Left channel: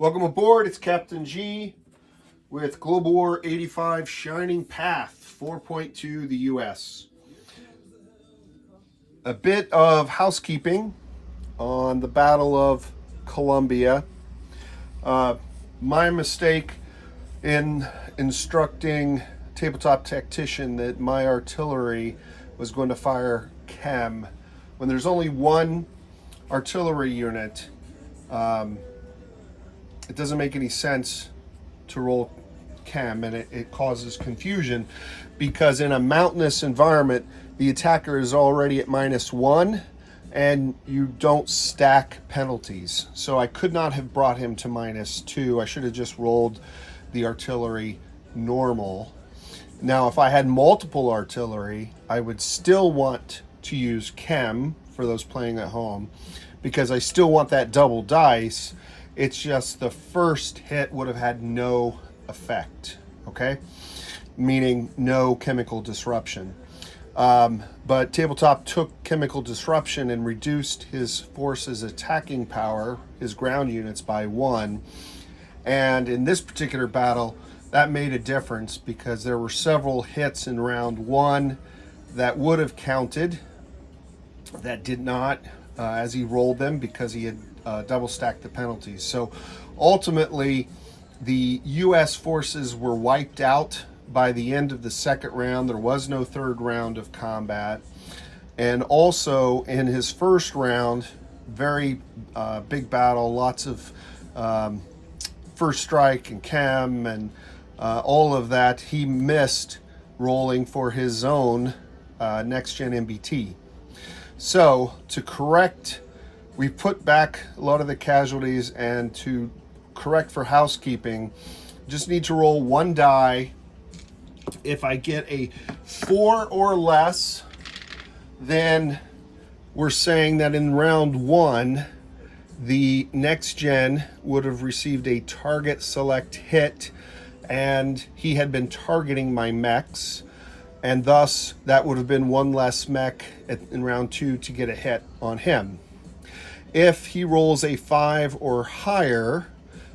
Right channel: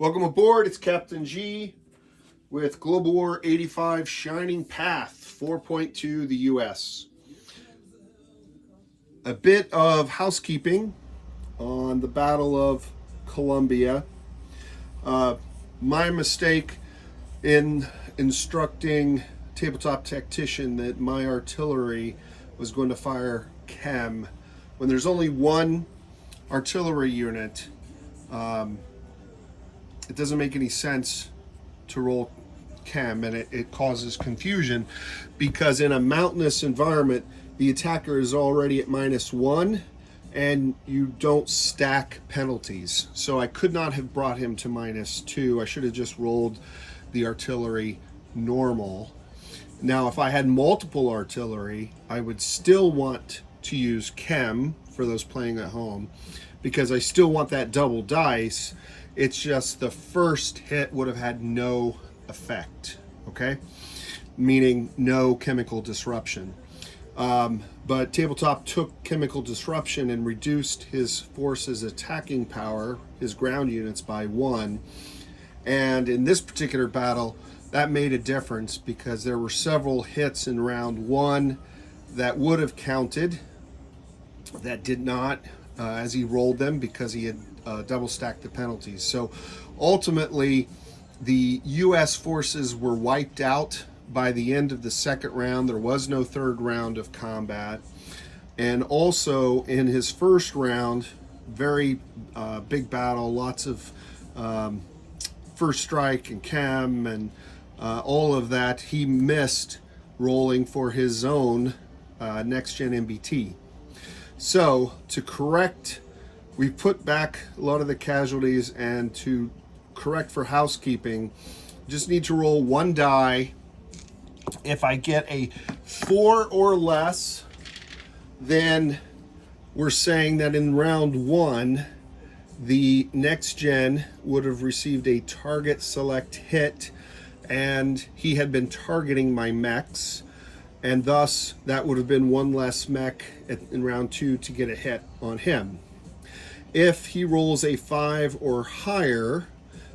Welcome aboard. It's Captain G with Global War 85 Shining Path 4.2, the U.S. A bit of housekeeping on the Battle of Columbia. My mistake in instructing Tabletop Tactician that my artillery was going to fire chem. When there's only one artillery unit, it doesn't make any sense to roll chem, and it causes confusion because in a mountainous environment, the attacker is already at -1 and you don't stack penalties. So I could not have brought him to -2. I should have just rolled the artillery normal. Now, if I had multiple artillery, I would still want to use chem for those playing at home because I still want that double dice. It's just the first hit would have had no effect, okay? Meaning no chemical disruption. But Tabletop took chemical disruption and reduced his force's attacking power, his ground units, by 1. And in this particular battle, that made a difference because there were several hits in round 1 that would have counted, that did not, as he rolled them because he had double stacked the penalties. So ultimately, the U.S. forces were wiped out by the end of the second round. There was no third round of combat. And also in his first round, very big battle, lots of first strike and chem and all of that. He missed rolling for his own next-gen MBT. So to correct, we put back a lot of the casualties, and to correct for housekeeping, just need to roll 1 die. If I get a 4 or less, then we're saying that in round 1, the next gen would have received a target select hit, and he had been targeting my mechs, and thus that would have been 1 less mech in round 2 to get a hit on him. If he rolls a 5 or higher,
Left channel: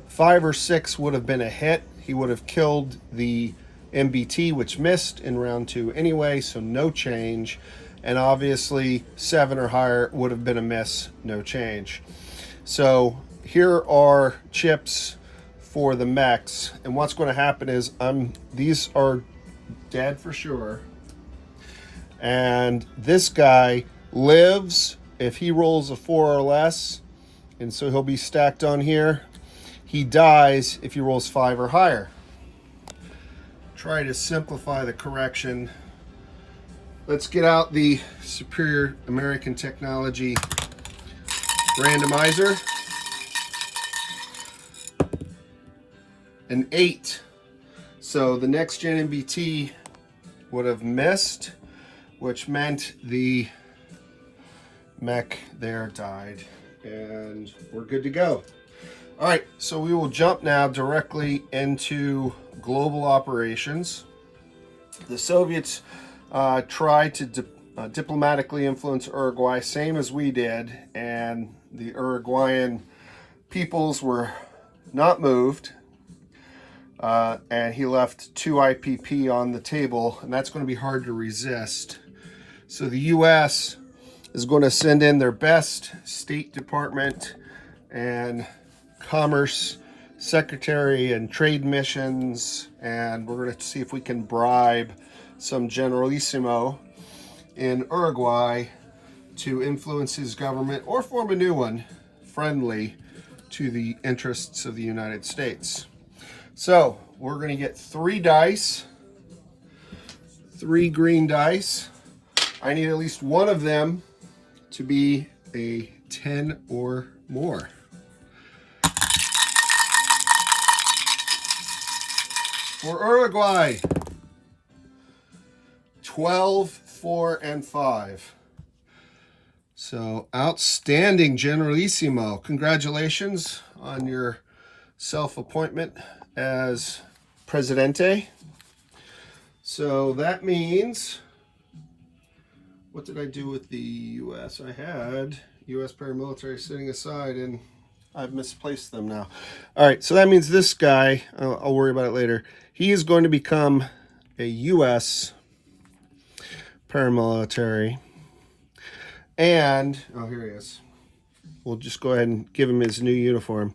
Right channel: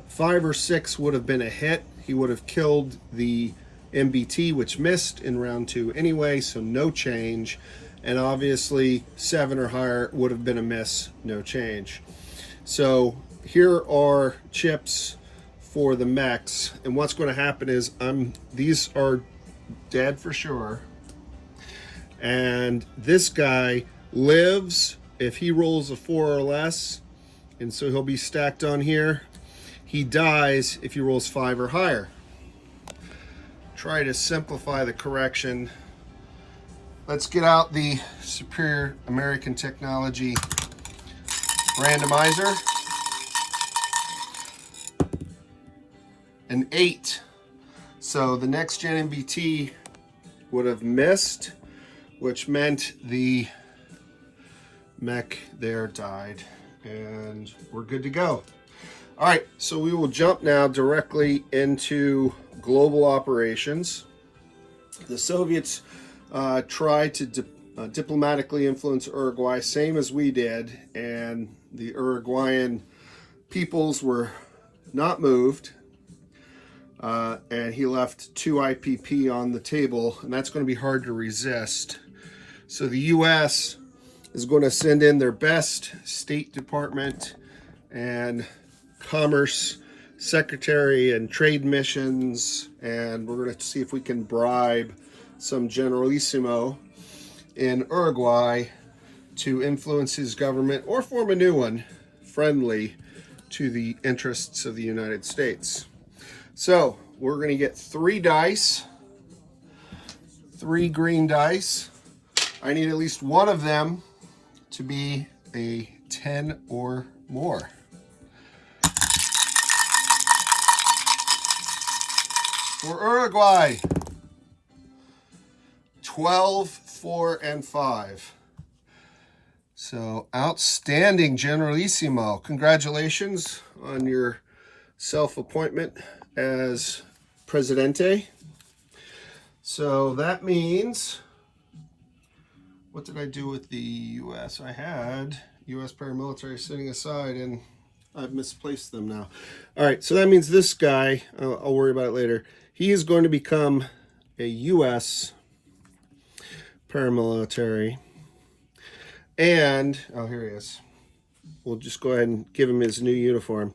5 or 6 would have been a hit. He would have killed the MBT, which missed in round 2 anyway, so no change. And obviously 7 or higher would have been a miss, no change. So here are chips for the mechs, and what's going to happen is these are dead for sure, and this guy lives if he rolls a 4 or less, and so he'll be stacked on here. He dies if he rolls 5 or higher. Try to simplify the correction. Let's get out the Superior American Technology randomizer. An 8. So the next gen MBT would have missed, which meant the mech there died, and we're good to go. All right, so we will jump now directly into global operations. The Soviets tried to diplomatically influence Uruguay, same as we did, and the Uruguayan peoples were not moved. And he left 2 IPP on the table, and that's going to be hard to resist. So the U.S. is going to send in their best State Department and Commerce Secretary and trade missions, and we're going to see if we can bribe some Generalissimo in Uruguay to influence his government or form a new one friendly to the interests of the United States. So we're going to get 3 dice, 3 green dice. I need at least one of them to be a 10 or more. For Uruguay, 12, 4, and 5. So outstanding, Generalissimo. Congratulations on your self-appointment as Presidente. So that means, what did I do with the U.S.? I had U.S. paramilitary sitting aside, and I've misplaced them now. All right, so that means this guy, I'll worry about it later. He is going to become a U.S. paramilitary. And, oh, here he is. We'll just go ahead and give him his new uniform.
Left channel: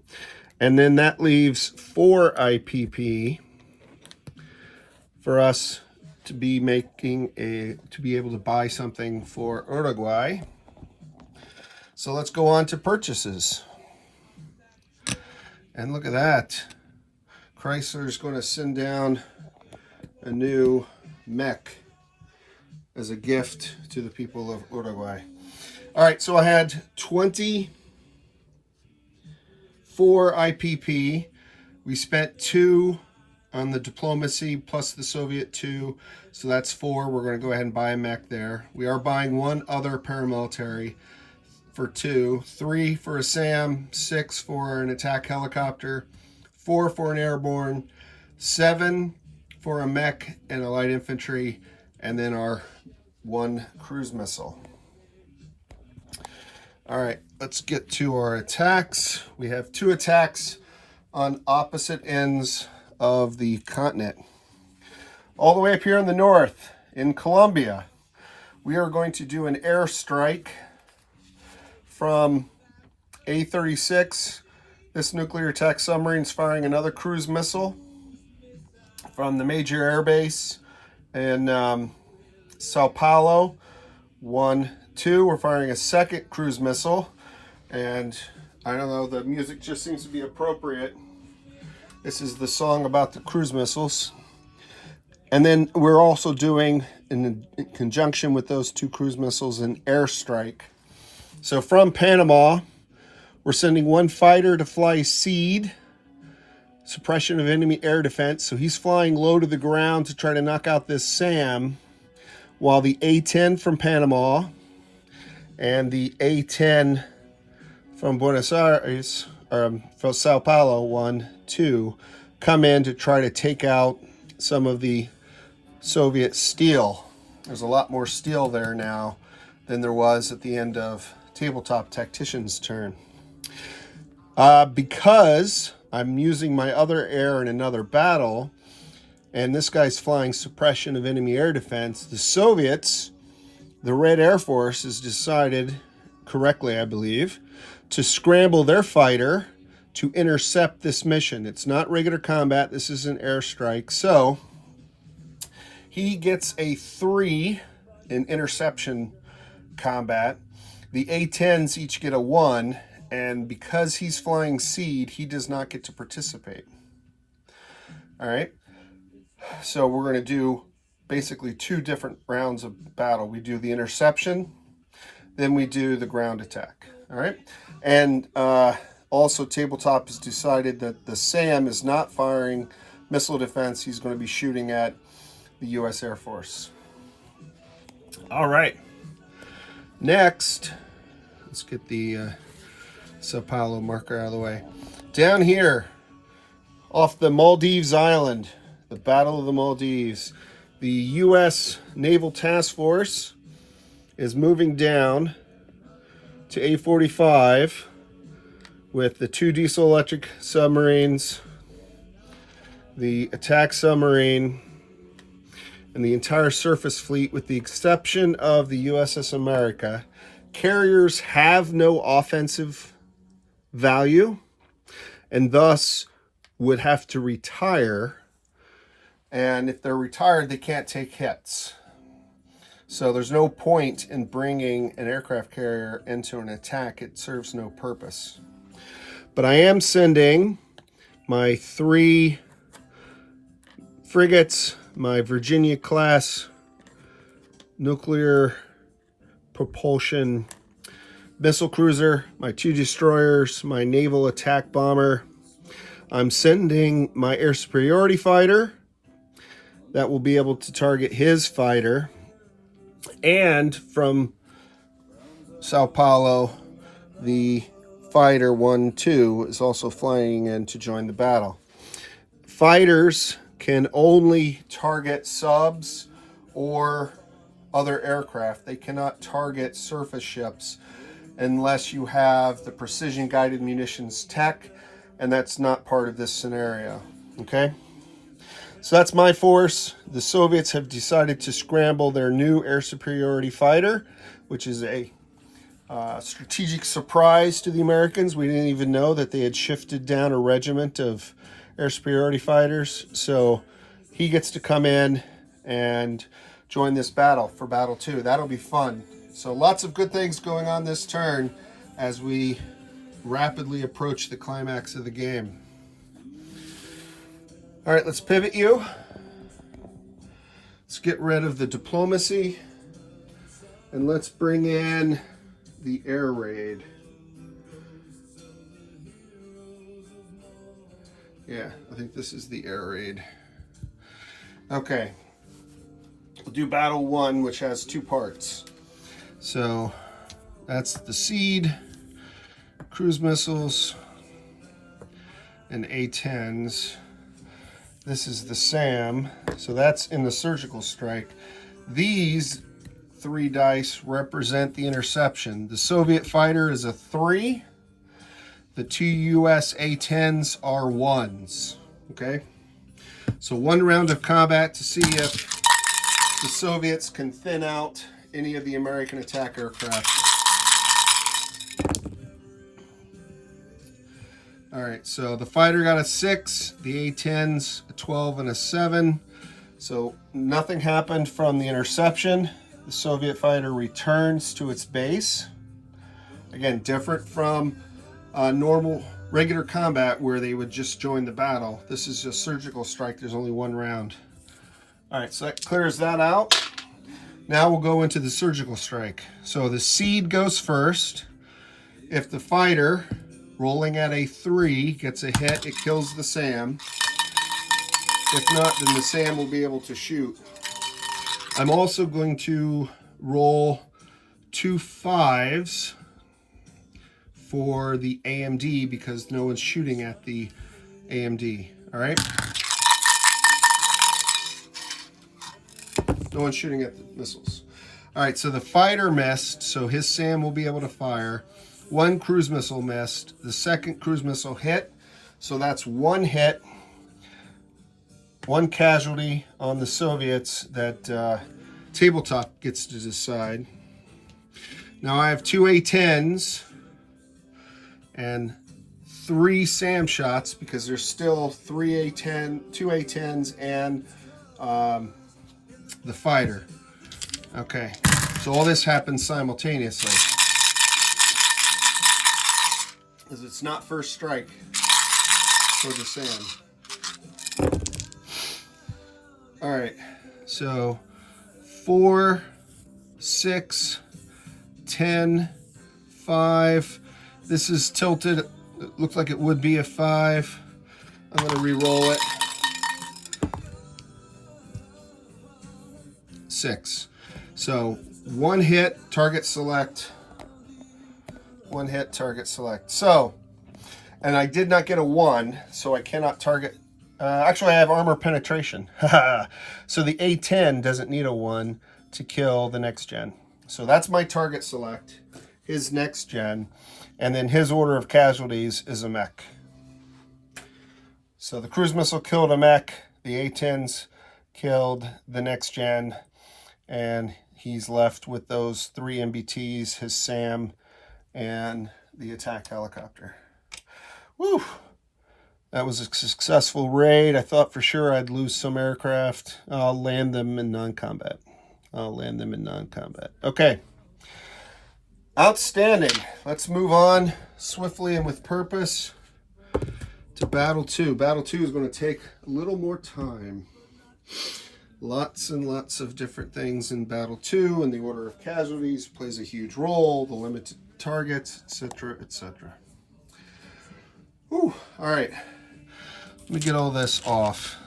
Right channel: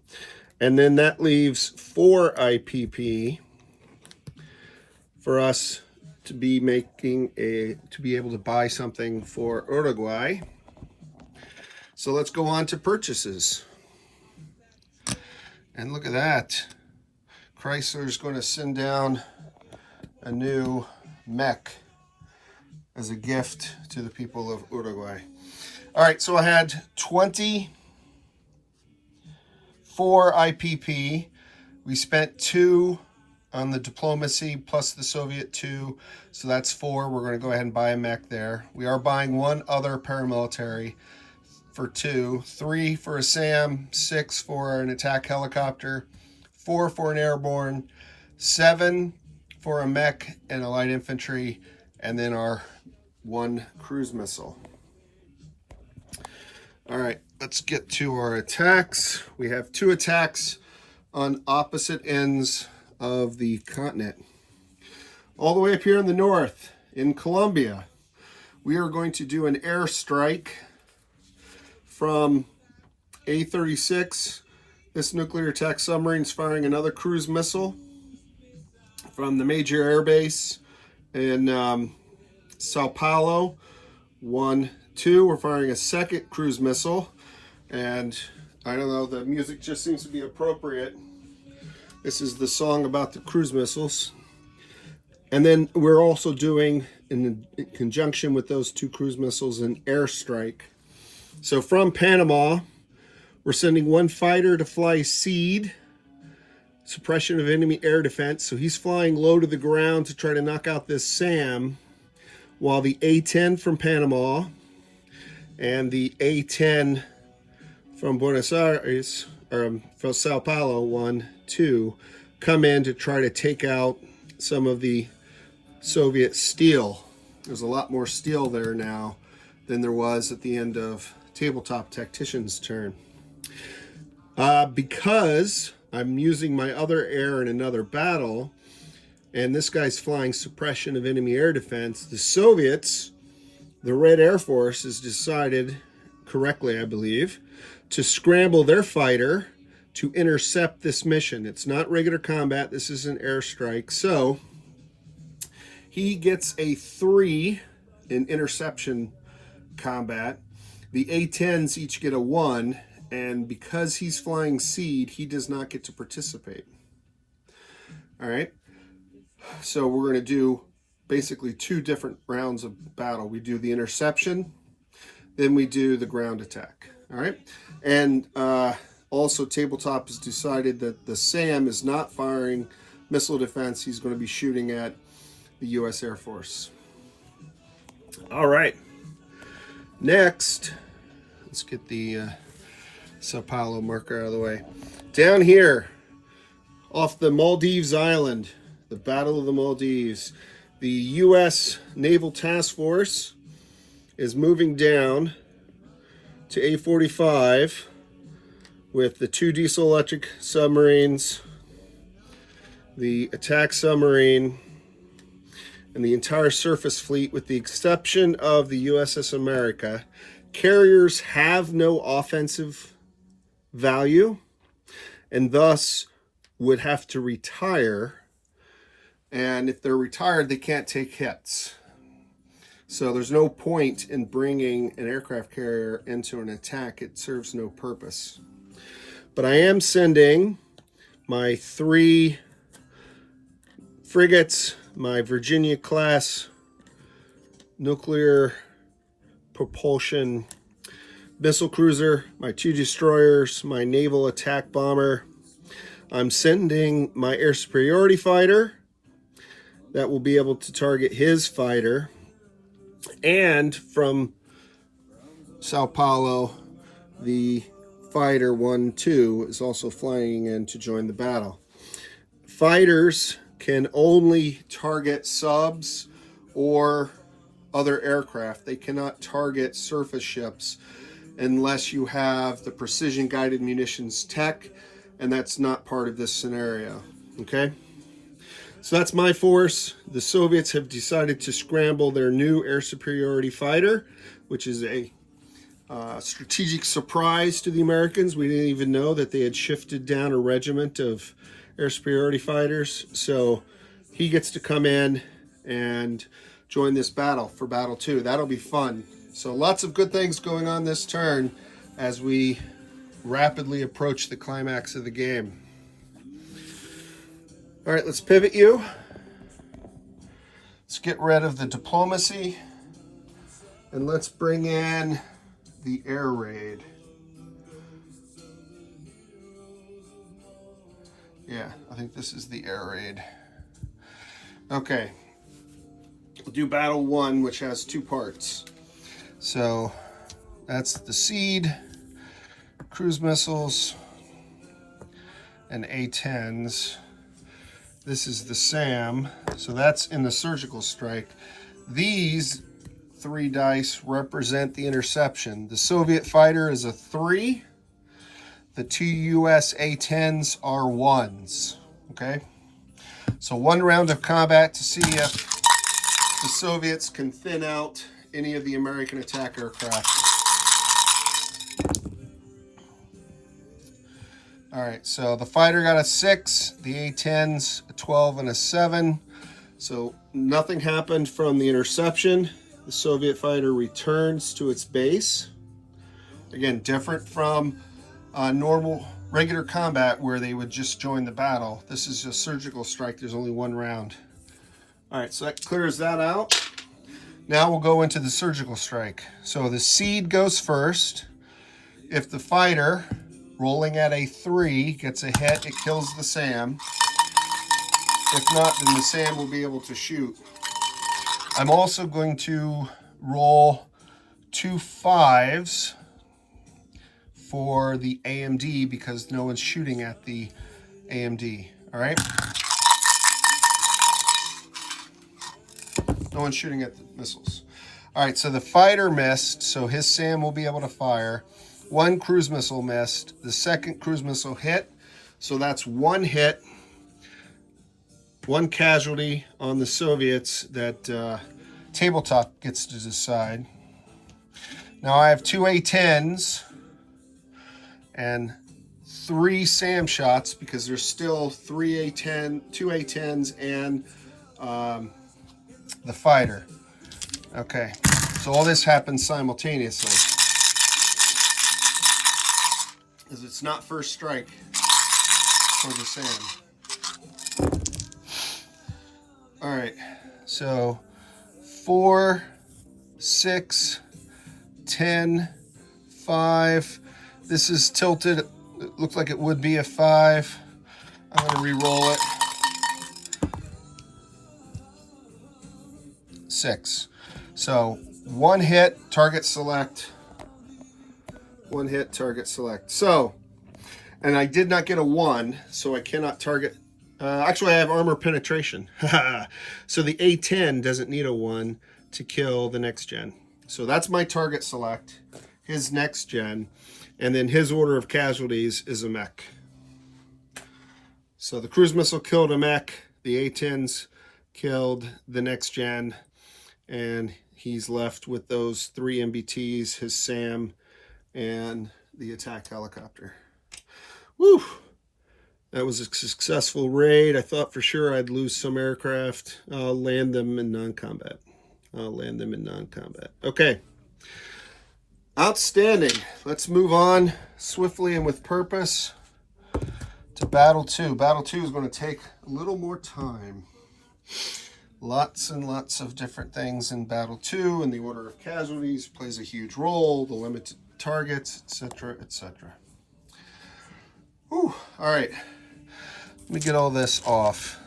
And then that leaves 4 IPP for us to be to be able to buy something for Uruguay. So let's go on to purchases. And look at that. Chrysler's going to send down a new mech as a gift to the people of Uruguay. All right, so I had 24 IPP. We spent 2 on the diplomacy plus the Soviet 2, so that's 4. We're going to go ahead and buy a mech there. We are buying 1 other paramilitary for 2, 3 for a SAM, 6 for an attack helicopter, 4 for an airborne, 7 for a mech and a light infantry, and then our 1 cruise missile. All right, let's get to our attacks. We have 2 attacks on opposite ends of the continent. All the way up here in the north, in Colombia, we are going to do an airstrike from A-36. This nuclear attack submarine is firing another cruise missile from the major air base in Sao Paulo. 1, 2, we're firing a second cruise missile. And I don't know, the music just seems to be appropriate. This is the song about the cruise missiles. And then we're also doing, in conjunction with those 2 cruise missiles, an airstrike. So from Panama, we're sending 1 fighter to fly SEED, suppression of enemy air defense. So he's flying low to the ground to try to knock out this SAM, while the A-10 from Panama and the A-10 from Buenos Aires, or from Sao Paulo, 1, 2, come in to try to take out some of the Soviet steel. There's a lot more steel there now than there was at the end of Tabletop Tactician's turn. Because I'm using my other air in another battle, and this guy's flying suppression of enemy air defense, the Soviets, the Red Air Force, has decided, correctly I believe, to scramble their fighter to intercept this mission. It's not regular combat, this is an airstrike. So he gets a 3 in interception combat. The A-10s each get a 1, and because he's flying SEED, he does not get to participate. All right, so we're going to do basically 2 different rounds of battle. We do the interception, then we do the ground attack. All right, and also Tabletop has decided that the SAM is not firing missile defense. He's going to be shooting at the U.S. Air Force. All right, next, let's get the Sao Paulo marker out of the way. Down here, off the Maldives Island, the Battle of the Maldives, the U.S. Naval Task Force is moving down to A-45 with the 2 diesel-electric submarines, the attack submarine, and the entire surface fleet, with the exception of the USS America. Carriers have no offensive value and thus would have to retire. And if they're retired, they can't take hits. So there's no point in bringing an aircraft carrier into an attack. It serves no purpose. But I am sending my 3 frigates, my Virginia-class nuclear propulsion missile cruiser, my 2 destroyers, my naval attack bomber. I'm sending my air superiority fighter that will be able to target his fighter. And from Sao Paulo, the fighter 1-2 is also flying in to join the battle. Fighters can only target subs or other aircraft. They cannot target surface ships. unless you have the precision guided munitions tech, and that's not part of this scenario. Okay, so that's my force. The Soviets have decided to scramble their new air superiority fighter, which is a strategic surprise to the Americans. We didn't even know that they had shifted down a regiment of air superiority fighters. So he gets to come in and join this battle for battle 2. That'll be fun. So lots of good things going on this turn as we rapidly approach the climax of the game. All right, let's pivot you. Let's get rid of the diplomacy and let's bring in the air raid. Yeah, I think this is the air raid. Okay, we'll do battle 1, which has 2 parts. So that's the SEAD, cruise missiles, and A-10s. This is the SAM, so that's in the surgical strike. These 3 dice represent the interception. The Soviet fighter is a 3. The 2 US A-10s are 1s. Okay, so 1 round of combat to see if the Soviets can thin out any of the American attack aircraft. All right, so the fighter got a 6, the A-10s a 12 and a 7. So nothing happened from the interception. The Soviet fighter returns to its base. Again, different from normal regular combat where they would just join the battle. This is just surgical strike. There's only 1 round. All right, so that clears that out. Now we'll go into the surgical strike. So the SEAD goes first. If the fighter, rolling at a 3, gets a hit, it kills the SAM. If not, then the SAM will be able to shoot. I'm also going to roll 2 5s for the AMD because no one's shooting at the AMD. All right? No one's shooting at the missiles. All right, so the fighter missed, so his SAM will be able to fire. 1 cruise missile missed. The second cruise missile hit, so that's 1 hit. 1 casualty on the Soviets that Tabletop gets to decide. Now I have 2 A-10s and 3 SAM shots because there's still 2 A-10s and the fighter. Okay, so all this happens simultaneously. Because it's not first strike for the SAM. All right, so 4, 6, 10, 5. This is tilted. It looked like it would be a 5. I'm going to re-roll it. 6. So 1 hit, target select. 1 hit, target select. So, and I did not get a 1, so I cannot target. Actually, I have armor penetration. So the A-10 doesn't need a 1 to kill the next gen. So that's my target select, his next gen, and then his order of casualties is a mech. So the cruise missile killed a mech, the A-10s killed the next gen, and he's left with those 3 MBTs, his SAM, and the attack helicopter. Woo! That was a successful raid. I thought for sure I'd lose some aircraft. I'll land them in non-combat. Okay. Outstanding. Let's move on swiftly and with purpose to Battle 2. Battle 2 is going to take a little more time. Lots and lots of different things in Battle 2, and the order of casualties plays a huge role, the limited targets, etc., etc. All right. Let me get all this off.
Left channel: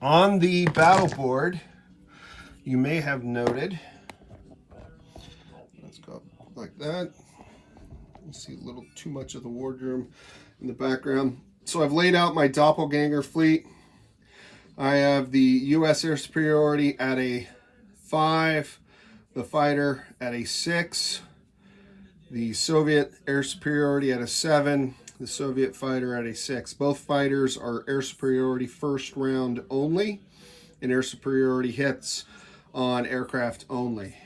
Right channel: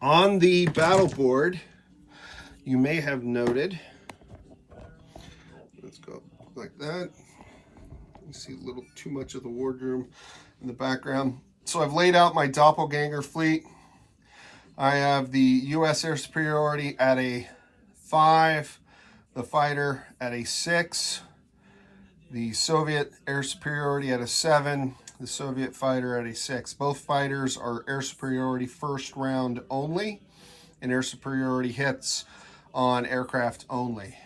On the battle board, you may have noted, let's go like that. You see a little too much of the wardroom in the background. So I've laid out my doppelganger fleet. I have the U.S. air superiority at a 5, the fighter at a 6, The Soviet air superiority at a 7, the Soviet fighter at a 6. Both fighters are air superiority first round only, and air superiority hits on aircraft only.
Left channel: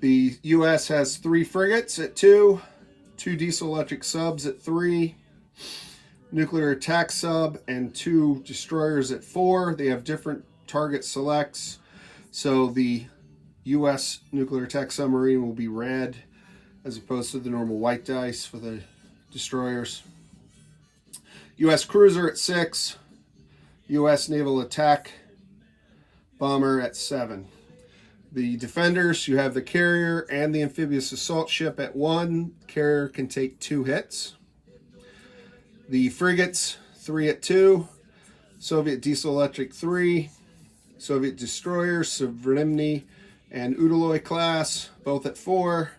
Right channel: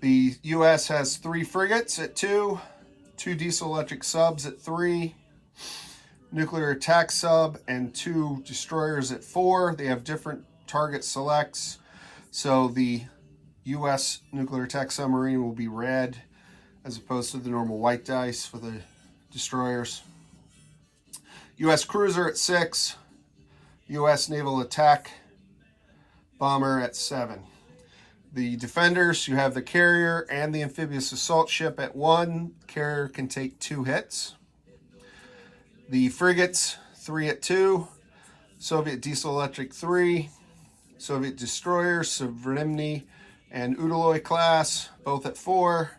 The U.S. has 3 frigates at 2, 2 diesel-electric subs at 3, nuclear attack sub, and 2 destroyers at 4. They have different target selects, so the U.S. nuclear attack submarine will be red as opposed to the normal white dice for the destroyers. U.S. cruiser at 6, U.S. naval attack bomber at 7. The defenders, you have the carrier and the amphibious assault ship at 1. Carrier can take 2 hits. The frigates, 3 at 2. Soviet diesel-electric 3. Soviet destroyers, Severny and Udaloy class, both at 4.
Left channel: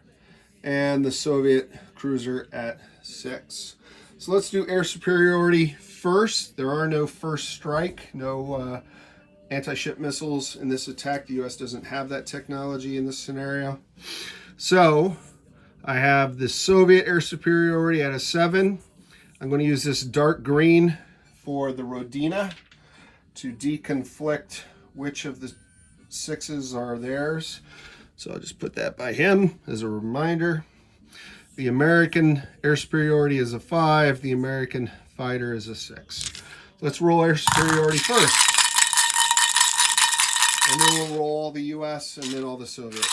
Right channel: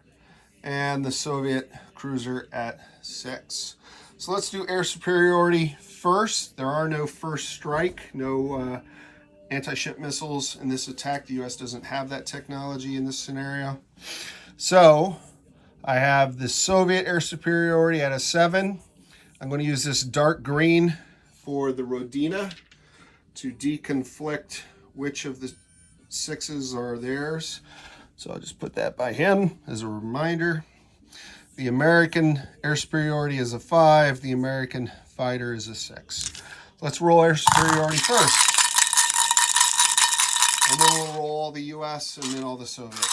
And the Soviet cruiser at 6. So let's do air superiority first. There are no first strike, no anti-ship missiles in this attack. The U.S. doesn't have that technology in this scenario. So I have the Soviet air superiority at a 7. I'm going to use this dark green for the Rodina to deconflict which of the 6s are theirs. So I'll just put that by him as a reminder. The American air superiority is a 5. The American fighter is a 6. Let's roll air superiority first. And then we'll roll all the U.S. and then all the Soviet.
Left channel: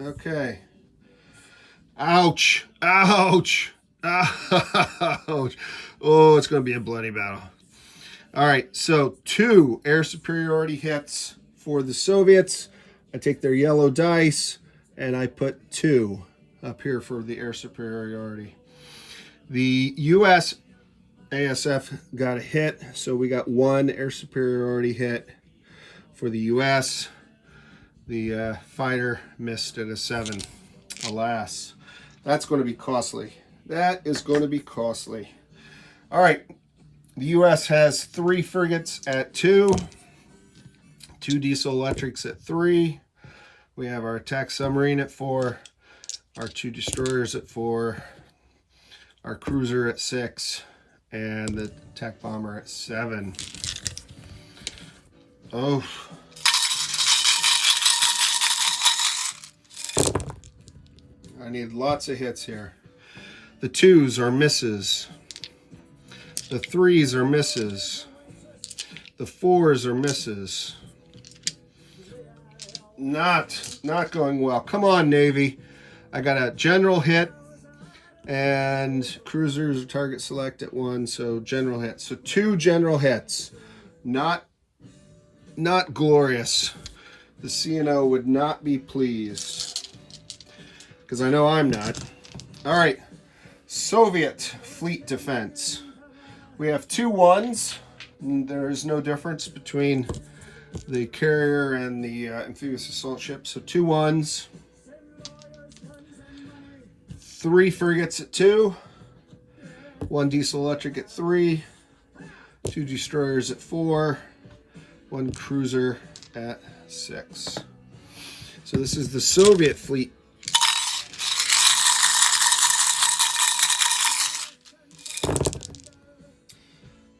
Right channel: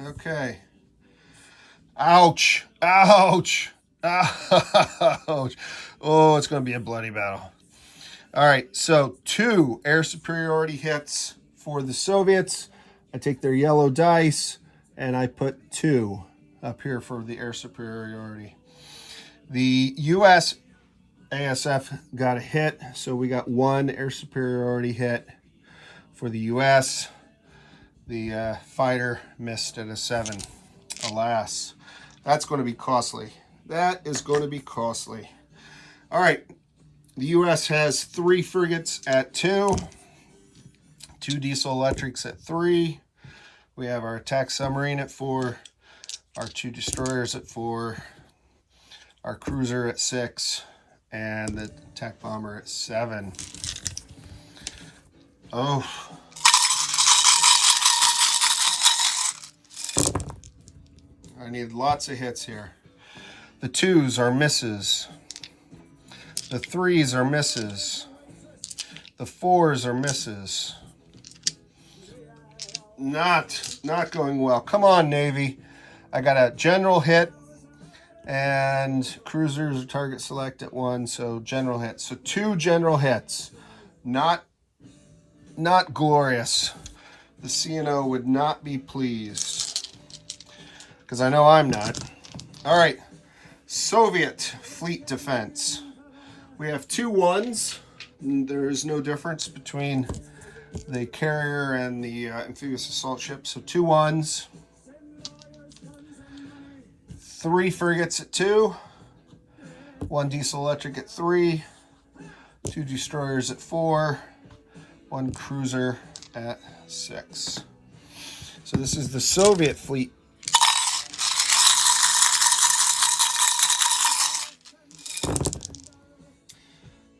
Okay. Ouch. Ouch. Ouch. Oh, it's going to be a bloody battle. All right, so 2 air superiority hits for the Soviets. I take their yellow dice and I put 2 up here for the air superiority. The U.S. ASF got a hit, so we got 1 air superiority hit for the U.S. The fighter missed at a 7. Alas, that's going to be costly. That is going to be costly. All right, the U.S. has 3 frigates at 2. 2 diesel electrics at 3. We have our attack submarine at 4, our 2 destroyers at 4, our cruiser at 6, and the attack bomber at 7. Oh. I need lots of hits here. The 2s are misses. The 3s are misses. The 4s are misses. Not going well. Come on, Navy. I got a general hit and cruisers target select at 1, so general hit. So 2 general hits. Not glorious. The CNO would not be pleased, because I know I'm not. All right, Soviet fleet defense. We have 2 1s. There is no difference between the carrier and the amphibious assault ship. So 2 1s. 3 frigates at 2. 1 diesel electric at 3. 2 destroyers at 4. 1 cruiser at 6. So this is the Soviet fleet.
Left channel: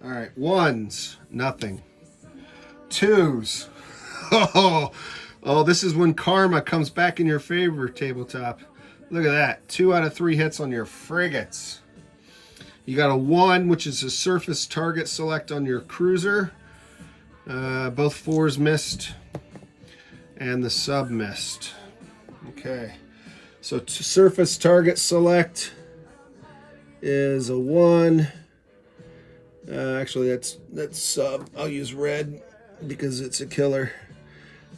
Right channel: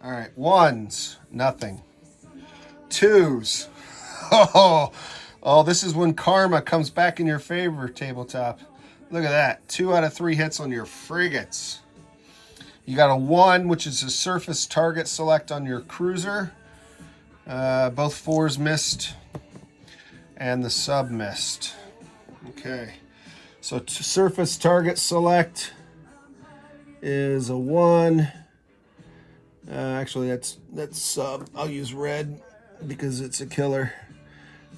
All right, 1s, nothing. 2s, oh, this is when karma comes back in your favor, tabletop. Look at that, 2 out of 3 hits on your frigates. You got a 1, which is a surface target select on your cruiser. Both 4s missed, and the sub missed. Okay, so surface target select is a 1. Actually, that's sub. I'll use red because it's a killer.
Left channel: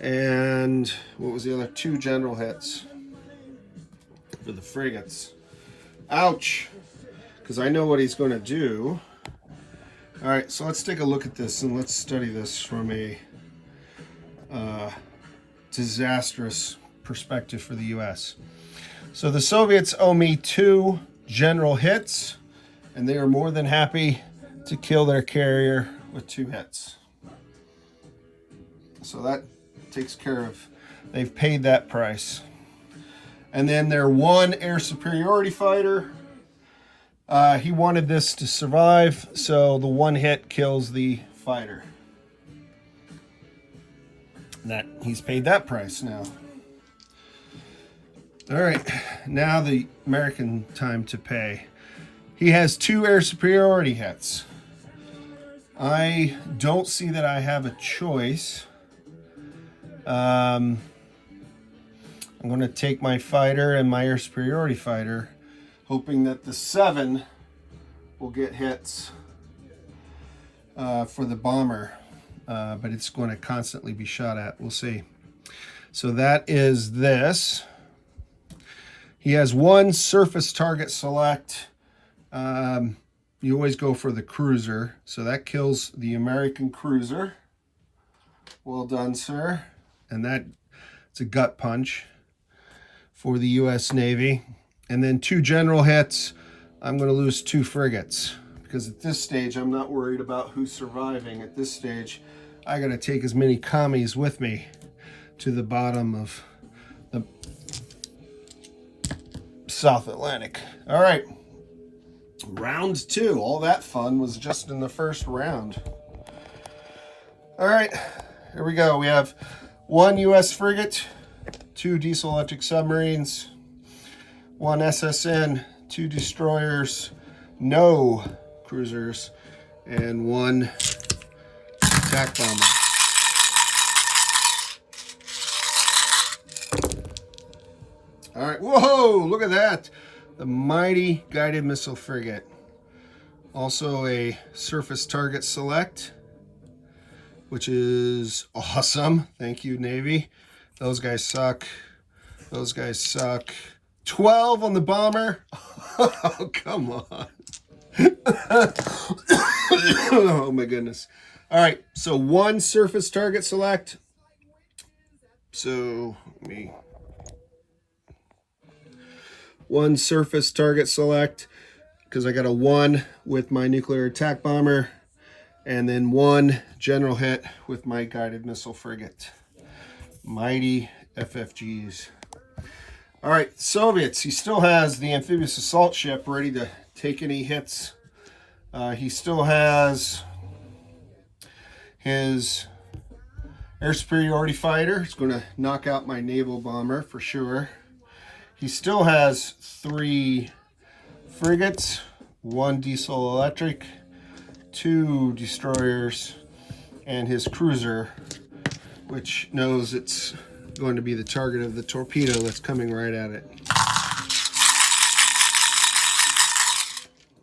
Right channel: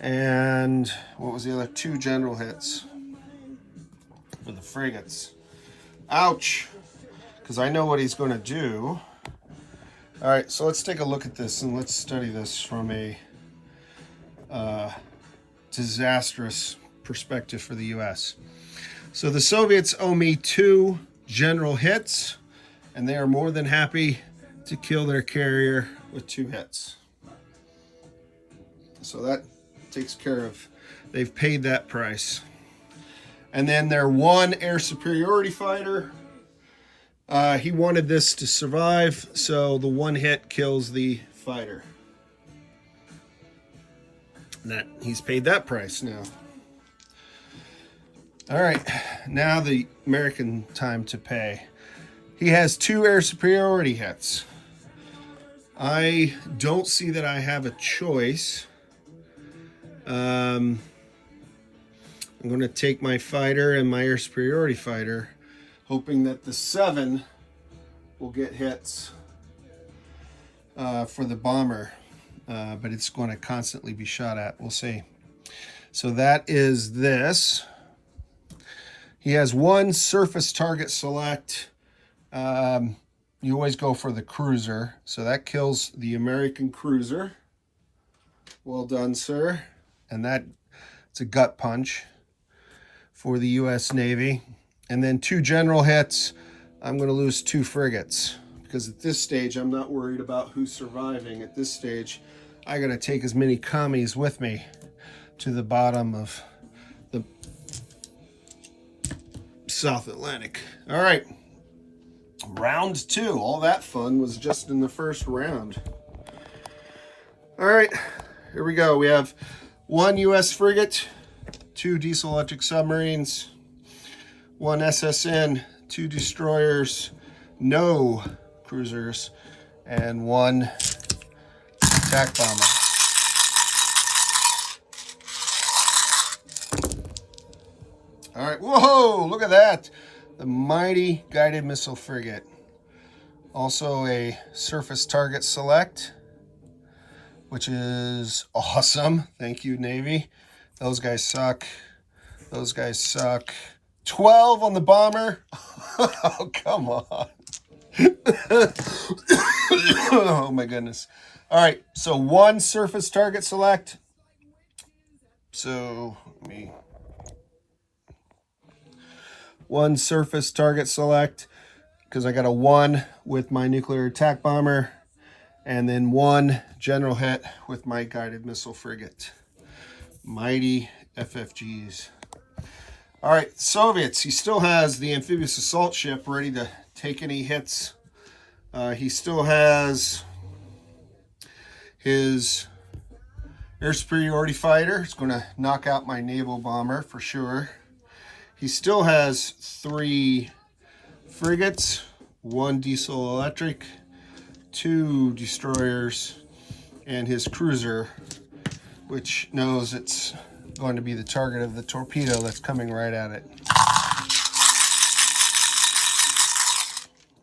And what was the other? 2 general hits for the frigates. Ouch! Because I know what he's going to do. All right, so let's take a look at this and let's study this from a disastrous perspective for the U.S. So the Soviets owe me 2 general hits, and they are more than happy to kill their carrier with 2 hits. So that takes care of, they've paid that price. And then their one air superiority fighter. He wanted this to survive, so the one hit kills the fighter. That he's paid that price now. All right, now the American time to pay. He has 2 air superiority hits. I don't see that I have a choice. I'm going to take my fighter and my air superiority fighter, hoping that the 7 will get hits for the bomber, but it's going to constantly be shot at. We'll see. So that is this. He has 1 surface target select. You always go for the cruiser, so that kills the American cruiser. Well done, sir. And it's a gut punch for the U.S. Navy. And then 2 general hits. I'm going to lose 2 frigates, because at this stage I'm not worried about who's surviving. At this stage I got to take as many commies with me to the bottom of the South Atlantic. All right, round 2. All that fun was just in the first round. All right, here we go. We have 1 U.S. frigate, 2 diesel electric submarines, 1 SSN, 2 destroyers, no cruisers, and 1 attack bomber. All right, whoa, look at that. The mighty guided missile frigate. Also a surface target select, which is awesome. Thank you, Navy. Those guys suck. Those guys suck. 12 on the bomber. Oh, come on. Oh, my goodness. All right, so 1 surface target select. So, let me... 1 surface target select, because I got a 1 with my nuclear attack bomber, and then 1 general hit with my guided missile frigate. Mighty FFGs. All right, Soviets. He still has the amphibious assault ship ready to take any hits. He still has his air superiority fighter. It's going to knock out my naval bomber for sure. He still has 3 frigates, 1 diesel electric, 2 destroyers, and his cruiser, which knows it's going to be the target of the torpedo that's coming right at it.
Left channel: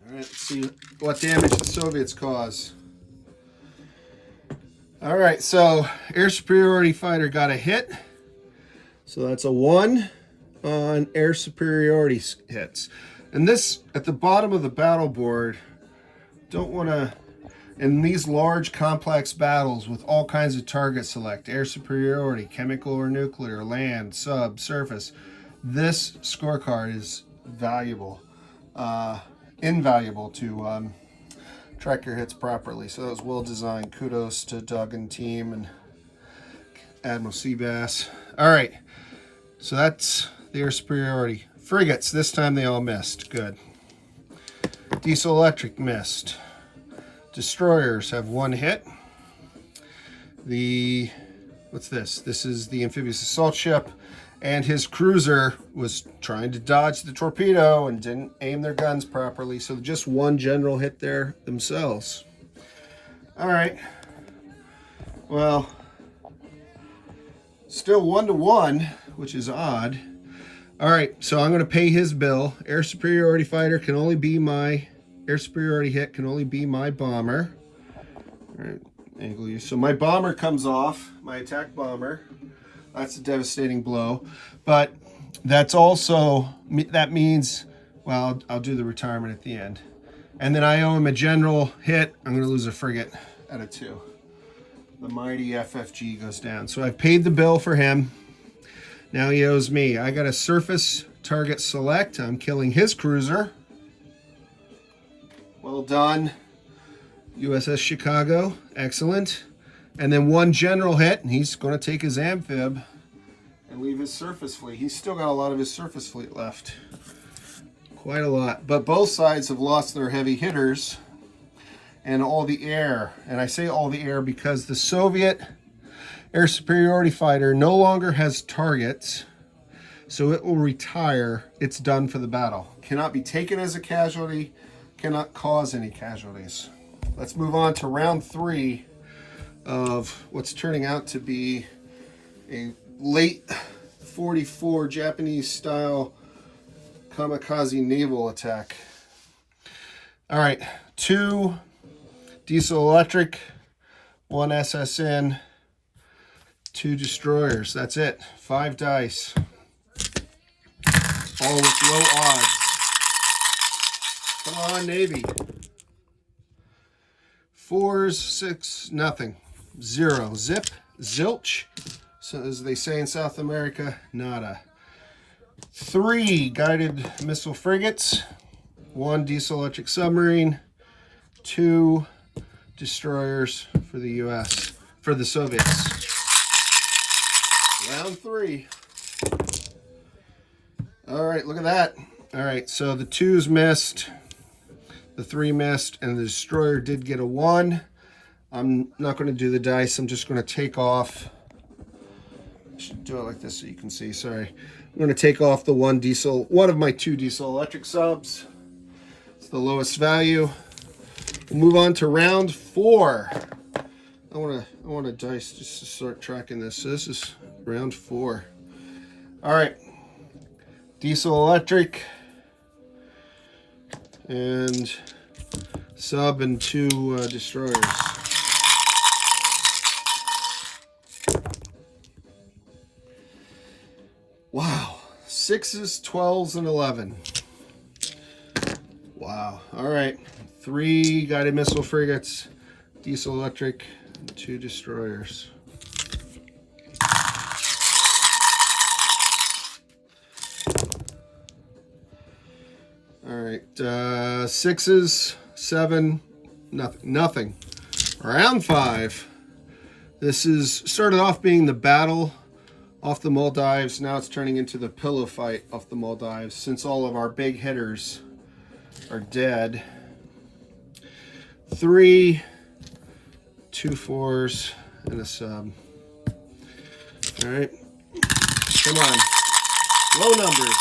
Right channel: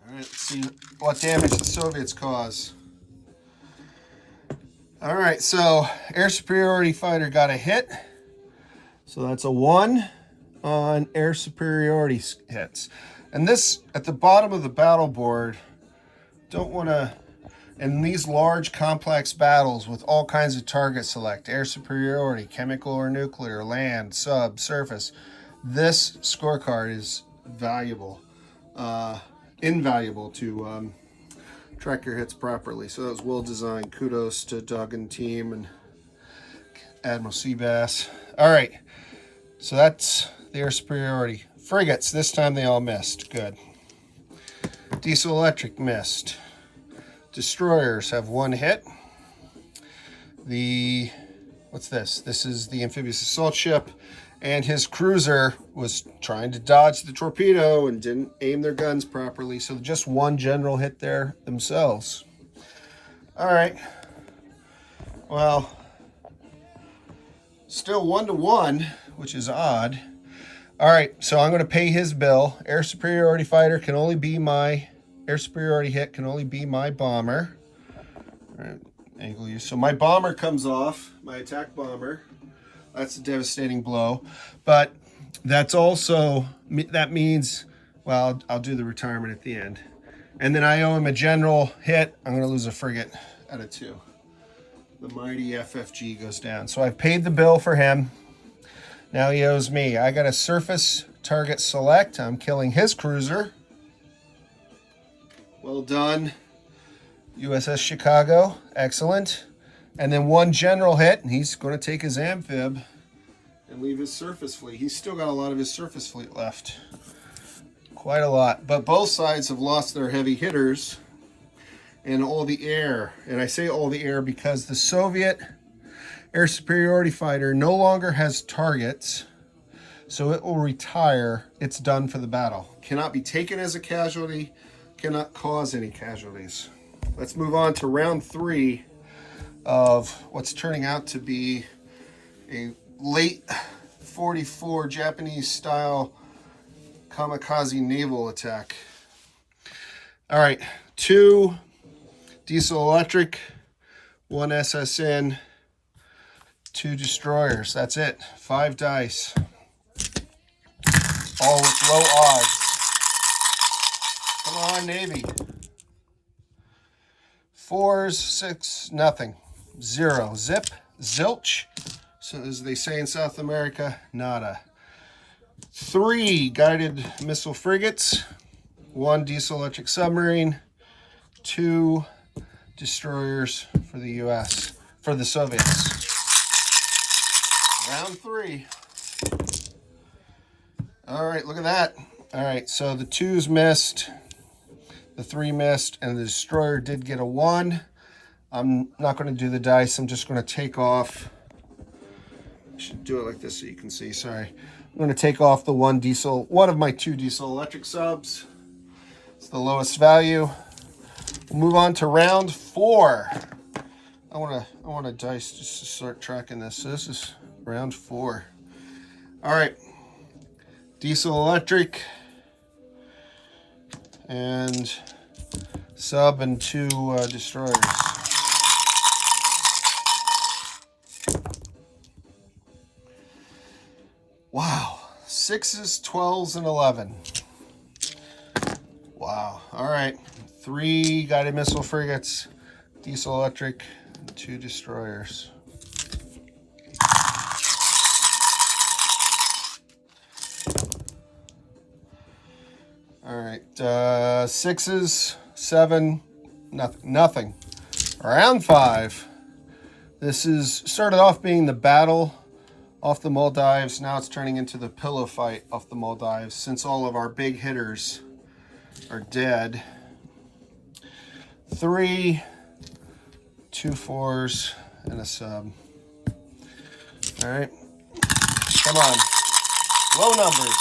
All right, let's see what damage the Soviets cause. All right, so air superiority fighter got a hit. So that's a 1 on air superiority hits. And this, at the bottom of the battle board, don't want to, in these large complex battles with all kinds of target select, air superiority, chemical or nuclear, land, sub, surface, this scorecard is valuable, invaluable to track your hits properly. So that was well designed. Kudos to Doug and team and Admiral Seabass. All right, so that's the air superiority. Frigates, this time they all missed. Good. Diesel electric missed. Destroyers have 1 hit. What's this? This is the amphibious assault ship, and his cruiser was trying to dodge the torpedo and didn't aim their guns properly, so just 1 general hit there themselves. All right. Well, still 1-1, which is odd. All right, so I'm going to pay his bill. Air superiority fighter can only be my air superiority hit, can only be my bomber. All right, angle you. So my bomber comes off, my attack bomber. That's a devastating blow. But that's also, that means, well, I'll do the retirement at the end. And then I owe him a general hit. I'm going to lose a frigate out of 2. The mighty FFG goes down. So I've paid the bill for him. Now he owes me. I got a surface target select. I'm killing his cruiser. Well done, USS Chicago. Excellent. And then 1 general hit, and he's going to take his amphib and leave his surface fleet. He's still got a lot of his surface fleet left. Quite a lot. But both sides have lost their heavy hitters and all the air. And I say all the air because the Soviet air superiority fighter no longer has targets, so it will retire. It's done for the battle. Cannot be taken as a casualty, cannot cause any casualties. Let's move on to round 3 of what's turning out to be a late 44 Japanese style kamikaze naval attack. All right, 2 diesel electric, 1 SSN, 2 destroyers. That's it. 5 dice. All with low odds. Come on, Navy. 4s, 6, nothing. 0. Zip, zilch. So as they say in South America, nada. 3 guided missile frigates, 1 diesel electric submarine, 2 destroyers for the US, for the Soviets. Round 3. All right, look at that. All right, so the 2s missed, the 3 missed, and the destroyer did get a 1. I'm not going to do the dice. I'm just going to take off. I should do it like this so you can see. Sorry. I'm going to take off the one of my 2 diesel electric subs. It's the lowest value. We'll move on to round 4. I want to dice just to start tracking this. So this is round 4. All right. Diesel electric and sub and 2 destroyers. Wow. 6s, 12s, and 11. Wow. All right. 3 guided missile frigates, diesel electric, 2 destroyers. All right. 6s, 7, nothing. Round 5. This is started off being the battle off the Maldives. Now it's turning into the pillow fight off the Maldives since all of our big hitters are dead. 3, 2 4s, and a sub. All right. Come on. Low numbers.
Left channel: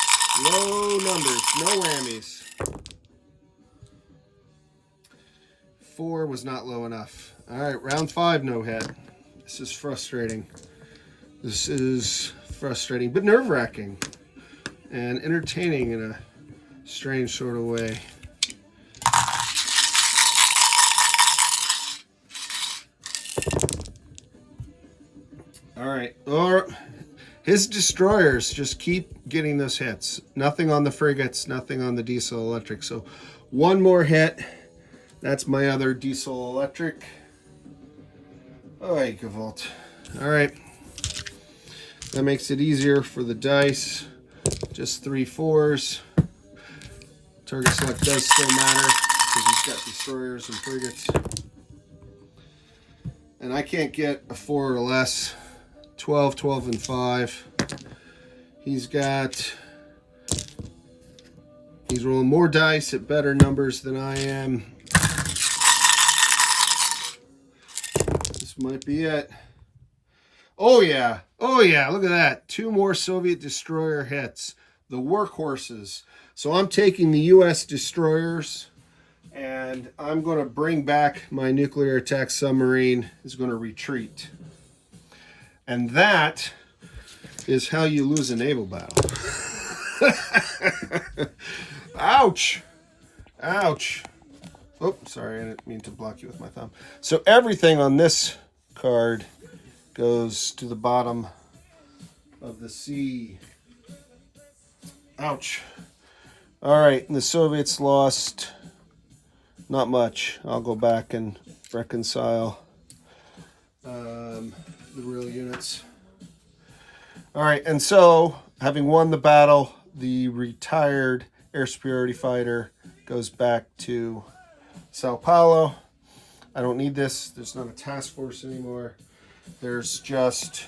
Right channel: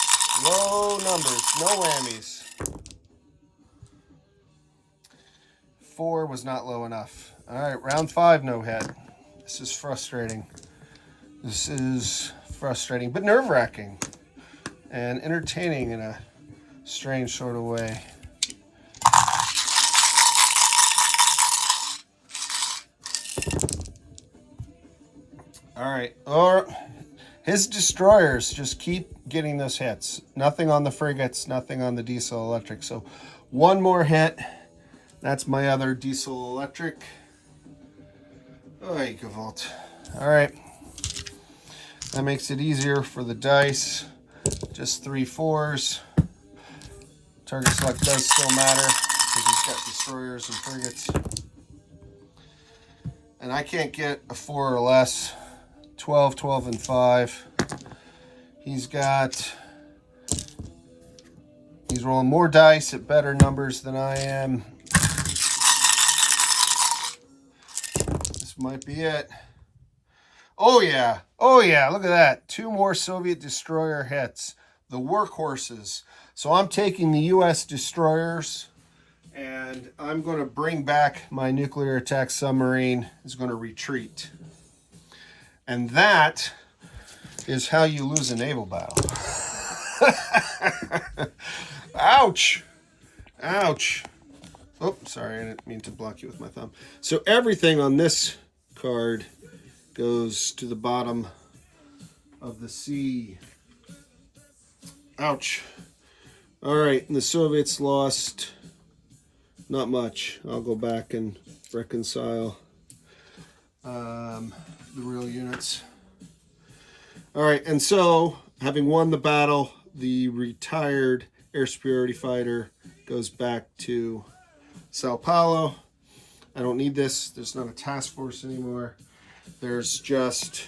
Low numbers. No whammies. 4 was not low enough. All right. Round 5, no head. This is frustrating. This is frustrating, but nerve-wracking and entertaining in a strange sort of way. All right. His destroyers just keep getting those hits. Nothing on the frigates, nothing on the diesel electric. So 1 more hit. That's my other diesel electric. Oy, Gewalt. All right. That makes it easier for the dice. Just 3 4s. Target select does still matter because he's got destroyers and frigates. And I can't get a 4 or less. 12, 12, and 5. He's rolling more dice at better numbers than I am. This might be it. Oh yeah, oh yeah, look at that. 2 more Soviet destroyer hits. The workhorses. So I'm taking the US destroyers and I'm going to bring back my nuclear attack submarine. Is going to retreat. And that is how you lose a naval battle. Ouch. Ouch. Oh, sorry, I didn't mean to block you with my thumb. So everything on this card goes to the bottom of the sea. Ouch. All right, and the Soviets lost not much. I'll go back and reconcile the real units. All right, and so having won the battle, the retired air superiority fighter goes back to Sao Paulo. I don't need this. There's not a task force anymore. There's just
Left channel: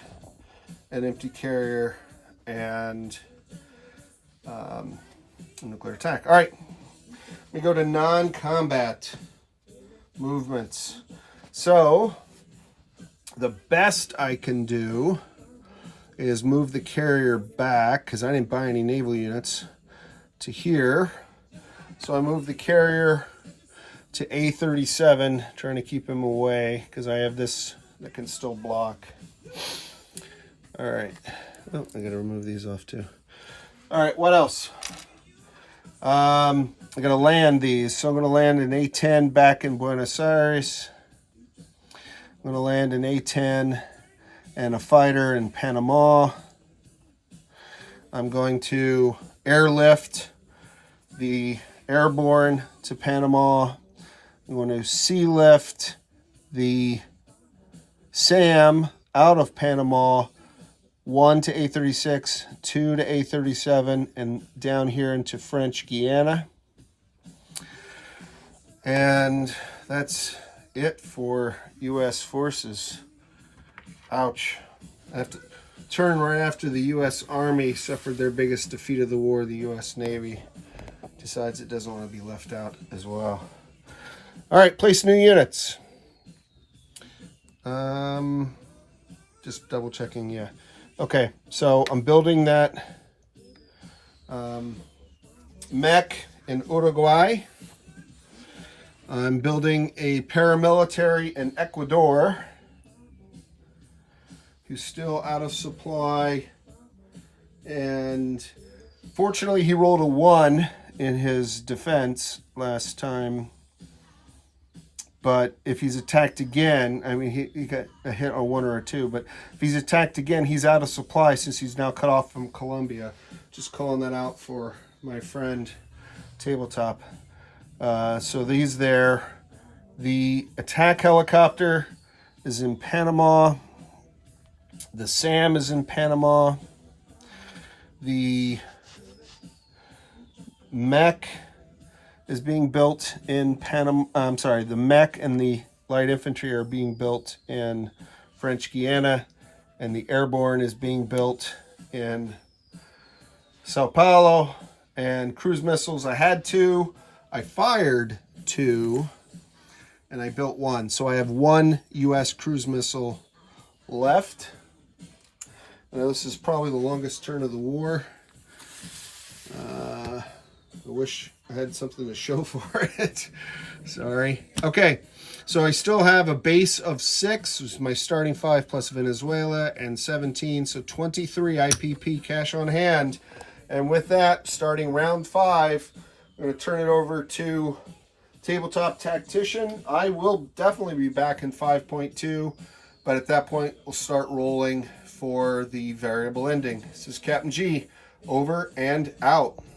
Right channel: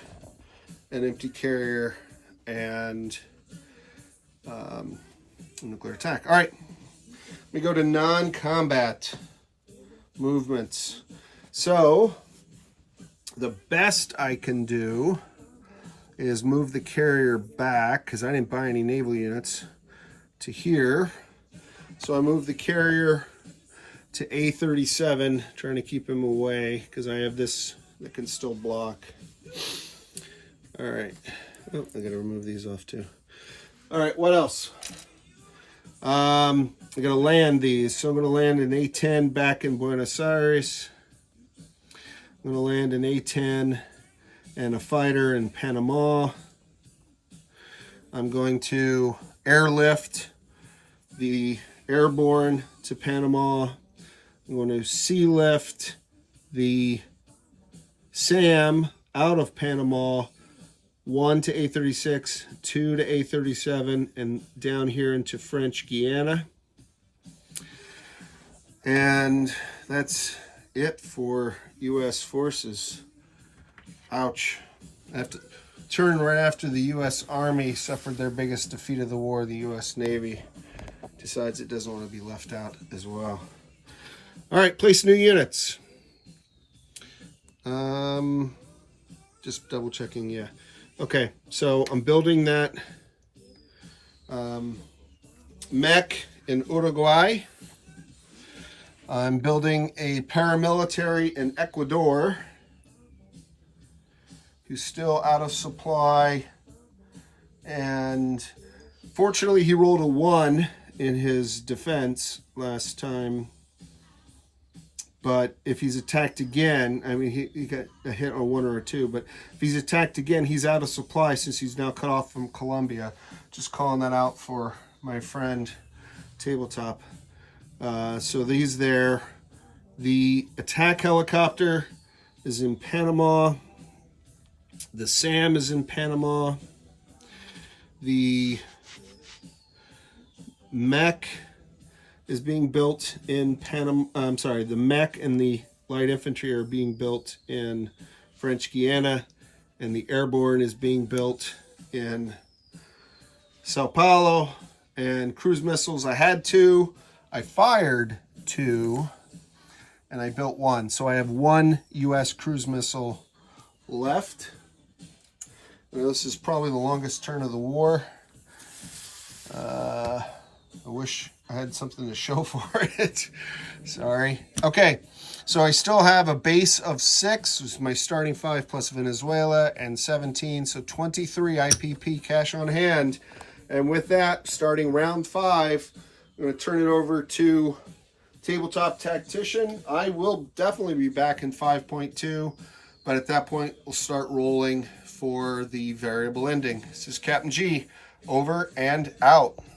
an empty carrier and nuclear attack. All right, we go to non-combat movements. So the best I can do is move the carrier back, because I didn't buy any naval units, to here. So I move the carrier to A37, trying to keep him away, because I have this that can still block. All right. Oh, I gotta remove these off too. All right, what else? I gotta land these. So I'm gonna land an A10 back in Buenos Aires. I'm gonna land an A10 and a fighter in Panama. I'm going to airlift the airborne to Panama. I'm going to sea lift the SAM out of Panama, 1 to A36, 2 to A37, and down here into French Guiana. And that's it for U.S. forces. Ouch. I have to turn right after the U.S. Army suffered their biggest defeat of the war. The U.S. Navy decides it doesn't want to be left out as well. All right, place new units. Just double checking, yeah. Okay, so I'm building that mech in Uruguay. I'm building a paramilitary in Ecuador who's still out of supply, and fortunately he rolled a 1 in his defense last time. But if he's attacked again, I mean, he got a hit on 1 or a 2, but if he's attacked again, he's out of supply since he's now cut off from Colombia. Just calling that out for my friend Tabletop. So these there. The attack helicopter is in Panama. The SAM is in Panama. The mech is being built in Panama. I'm sorry, the mech and the light infantry are being built in French Guiana, and the airborne is being built in Sao Paulo. And cruise missiles, I had 2, I fired 2, and I built 1. So I have 1 U.S. cruise missile left. You know, this is probably the longest turn of the war. I wish I had something to show for it. Sorry. Okay, so I still have a base of 6, which is my starting 5 plus Venezuela, and 17, so 23 IPP cash on hand. And with that, starting round 5, I'm going to turn it over to Tabletop Tactician. I will definitely be back in 5.2, but at that point, we'll start rolling for the variable ending. This is Captain G, over and out.